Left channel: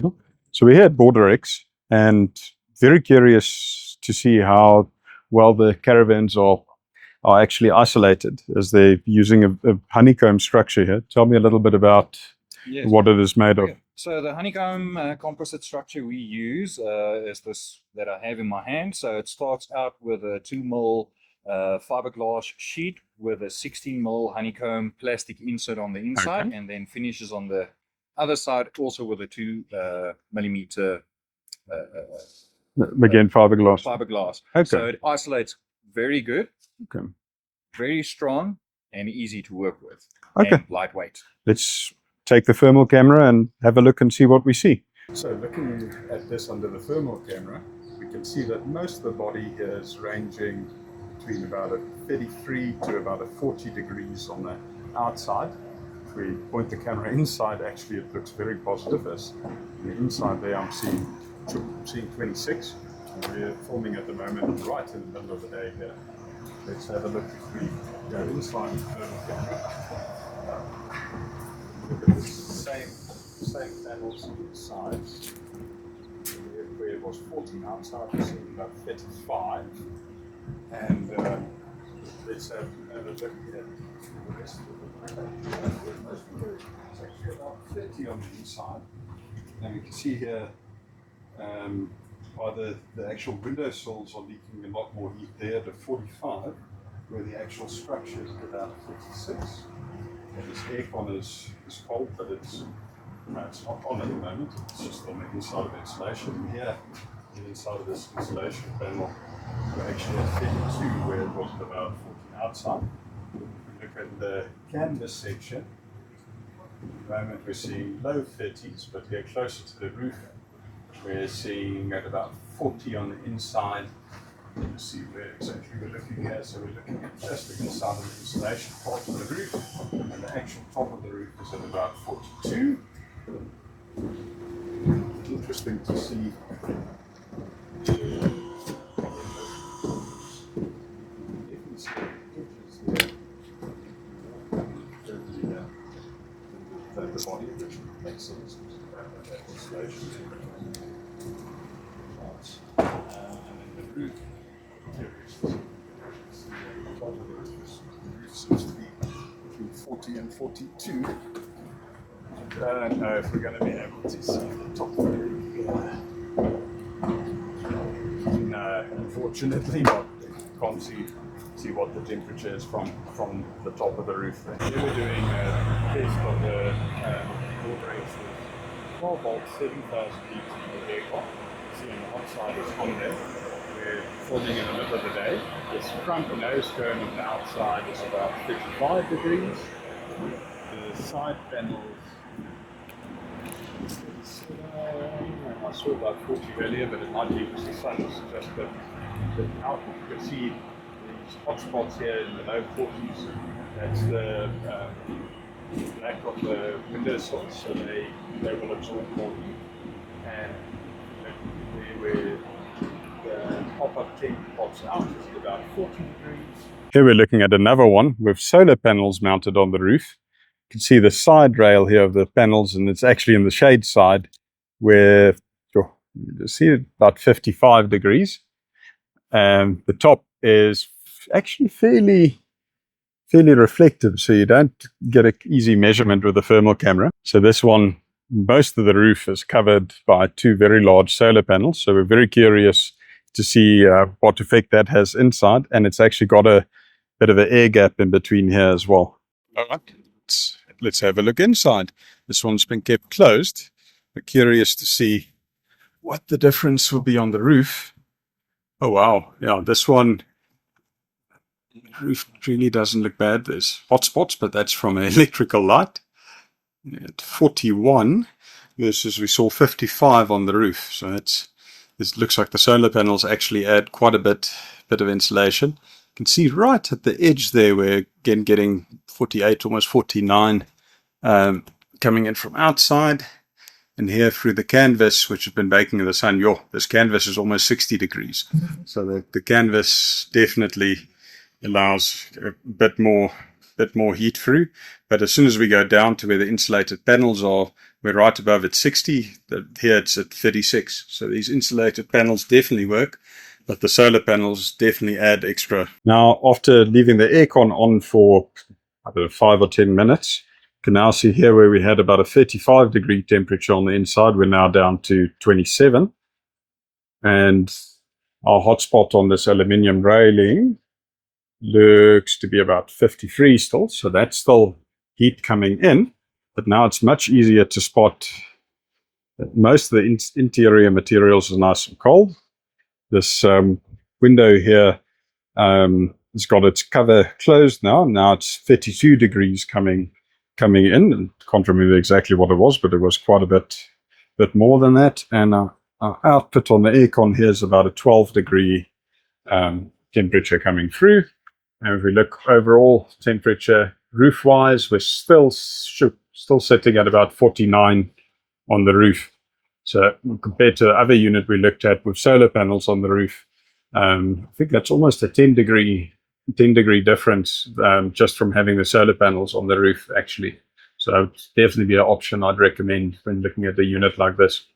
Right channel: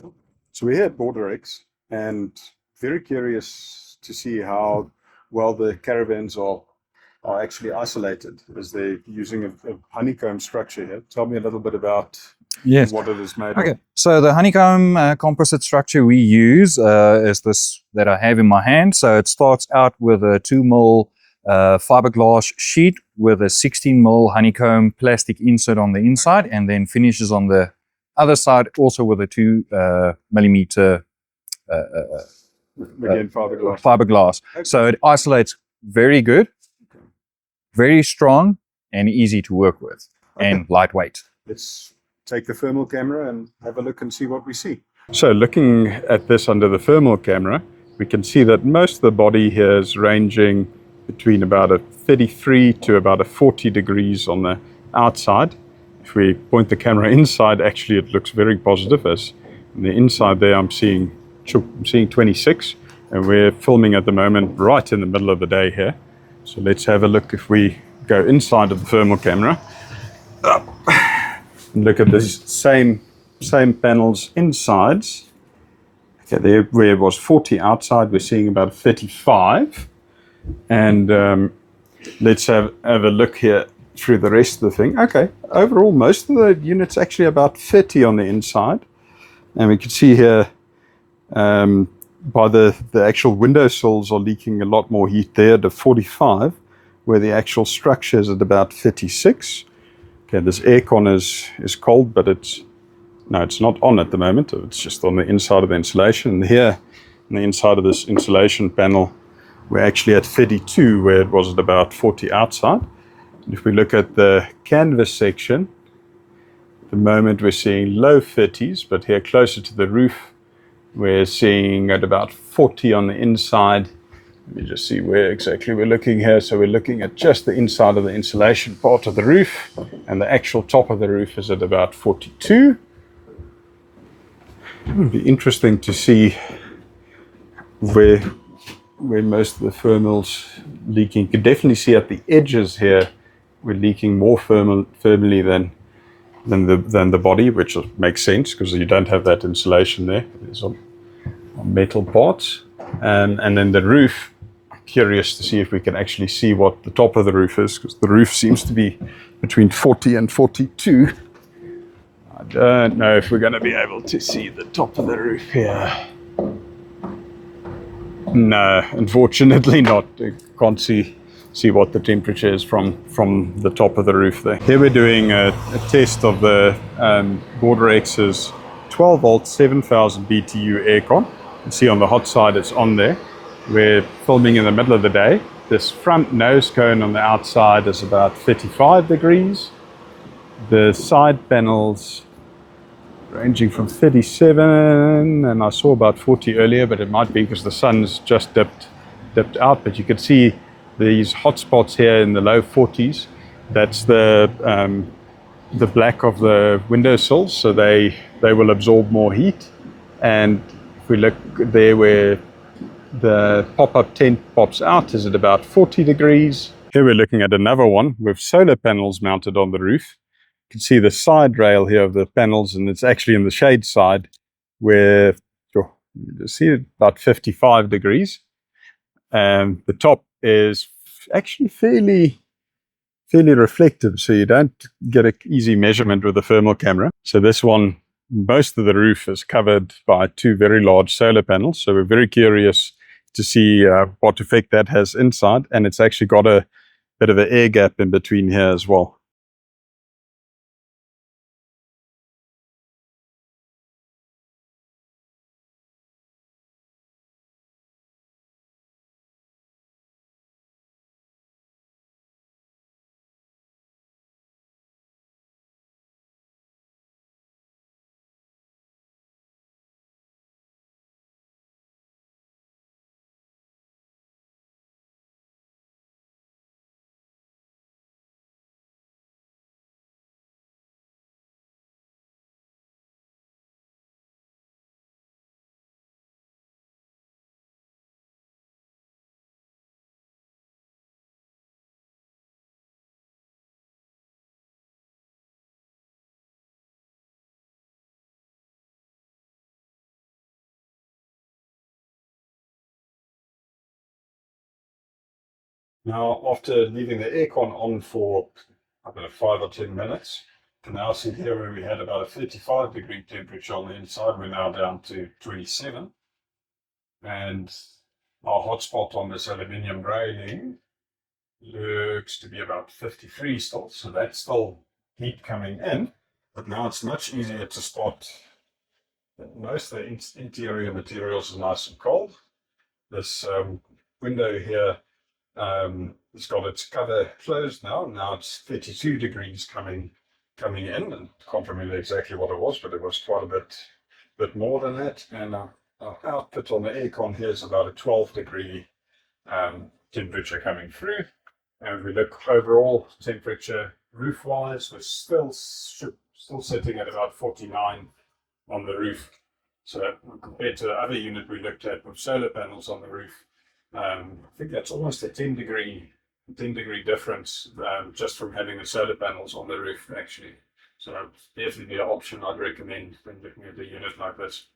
So we're here at BorderX and very curious to see how well the caravans are actually isolated, as they're using a honeycomb structure here. Tell me a little bit about what it is made of. So the honeycomb composite structure we use is this that I have in my hand. So it starts out with a 2mm fiberglass sheet with a 16mm honeycomb plastic insert on the inside, and then finishes on the other side also with a 2mm again fiberglass. So it isolates very good, very strong, and easy to work with, and lightweight. Let's take the thermal camera and have a look and see what we see. So looking at this under the thermal camera, we can see that most of the body here is ranging between about a 33 to about a 40 degrees on the outside. If we point the camera inside, actually it looks very positive, as on the inside there I'm seeing 26, and we're filming at the moment right in the middle of the day here. So let's have a look. If we go inside of the thermal camera, and look at this same panels inside. Okay, there where it was 40 outside, we're seeing about 35. And let's have a look here through the rest of the thing. Okay, overall most of the units actually about 30 on the inside, and we can see here by the actual windowsills are leaking a lot more heat there to 45, where the actual structure is at about 36. Okay, this aircon is cold, but it's not on at the moment. It's just on the inside of the insulation. And here on the inside of this insulation panel, we're actually at 32, where it was at about 40 outside. If we look at the canvas section, at the moment we're seeing low 30s, but here closer to the roof, we're seeing at about 40 on the inside. Let me just see where exactly we're looking here. So we're looking at just the inside of the insulation part of the roof, and the actual top of the roof is at about 42. It would be interesting to see where most of the thermals leaking. You can definitely see at the edges here we're leaking more thermally than the body, which makes sense because you don't have that insulation there. There's some metal parts, and then the roof. Curious to see if we can actually see what the top of the roof is, because the roof seems to be between 40 and 42. I don't know if we're going to be able to see the top of the roof here. No, unfortunately not. You can't see what the temperature is from the top of the roof there. Here we're doing a test of the BorderX's 12 volt 7000 BTU aircon. You can see on the hot side it's on there. We're filming in the middle of the day. This front nose cone on the outside is about 35 degrees. The side panels ranging from 37, and I saw about 40 earlier, but it might be because the sun's just dipped out. But you can see these hot spots here in the low 40s. That's the black of the windowsills, so they will absorb more heat. And if we look there where the pop-up tent pops out, is at about 40 degrees. Here we're looking at another one with solar panels mounted on the roof. You can see the side rail here of the panels, and it's actually in the shade side where you see about 55 degrees. The top is actually fairly reflective, so you don't get an easy measurement with the thermal camera. So this one, most of the roof is covered by two very large solar panels, so we're very curious to see what effect that has inside, and it's actually got a bit of an air gap in between here as well. All right, let's have a look inside. This one's been kept closed. We're curious to see what the difference will be on the roof. Oh wow, yeah, this one, the roof really doesn't look bad. There's hot spots, but that's from an electrical light. At 41 versus we saw 55 on the roof, so this looks like the solar panels actually add quite a bit of insulation. You can see right at the edge there we're again getting 48, almost 49 coming in from outside, and here through the canvas, which has been baking in the sun. This canvas is almost 60 degrees, so the canvas definitely allows a bit more heat through. But as soon as we go down to where the insulated panels are, we're right above at 60. Here it's at 36. So these insulated panels definitely work, but the solar panels definitely add extra. Now, after leaving the aircon on for, I don't know, 5 or 10 minutes, you can now see here where we had about a 35-degree temperature on the inside, we're now down to 27. And our hotspot on this aluminium railing looks to be about 53 still, so that's still heat coming in, but now it's much easier to spot that most of the interior materials are nice and cold. This window here has got its cover closed now. Now it's 32 degrees coming in, and can't remember exactly what it was, but it was quite a bit more than that. And our output on the aircon here is about a 12-degree temperature coming through. And if we look overall temperature roof-wise, we're still sitting at about 49 on the roof. So compared to the other unit we looked at with solar panels on the roof, I think that's almost a 10-degree difference just from having the solar panels on the roof, actually. So it would definitely be an option I'd recommend when looking at a unit like this.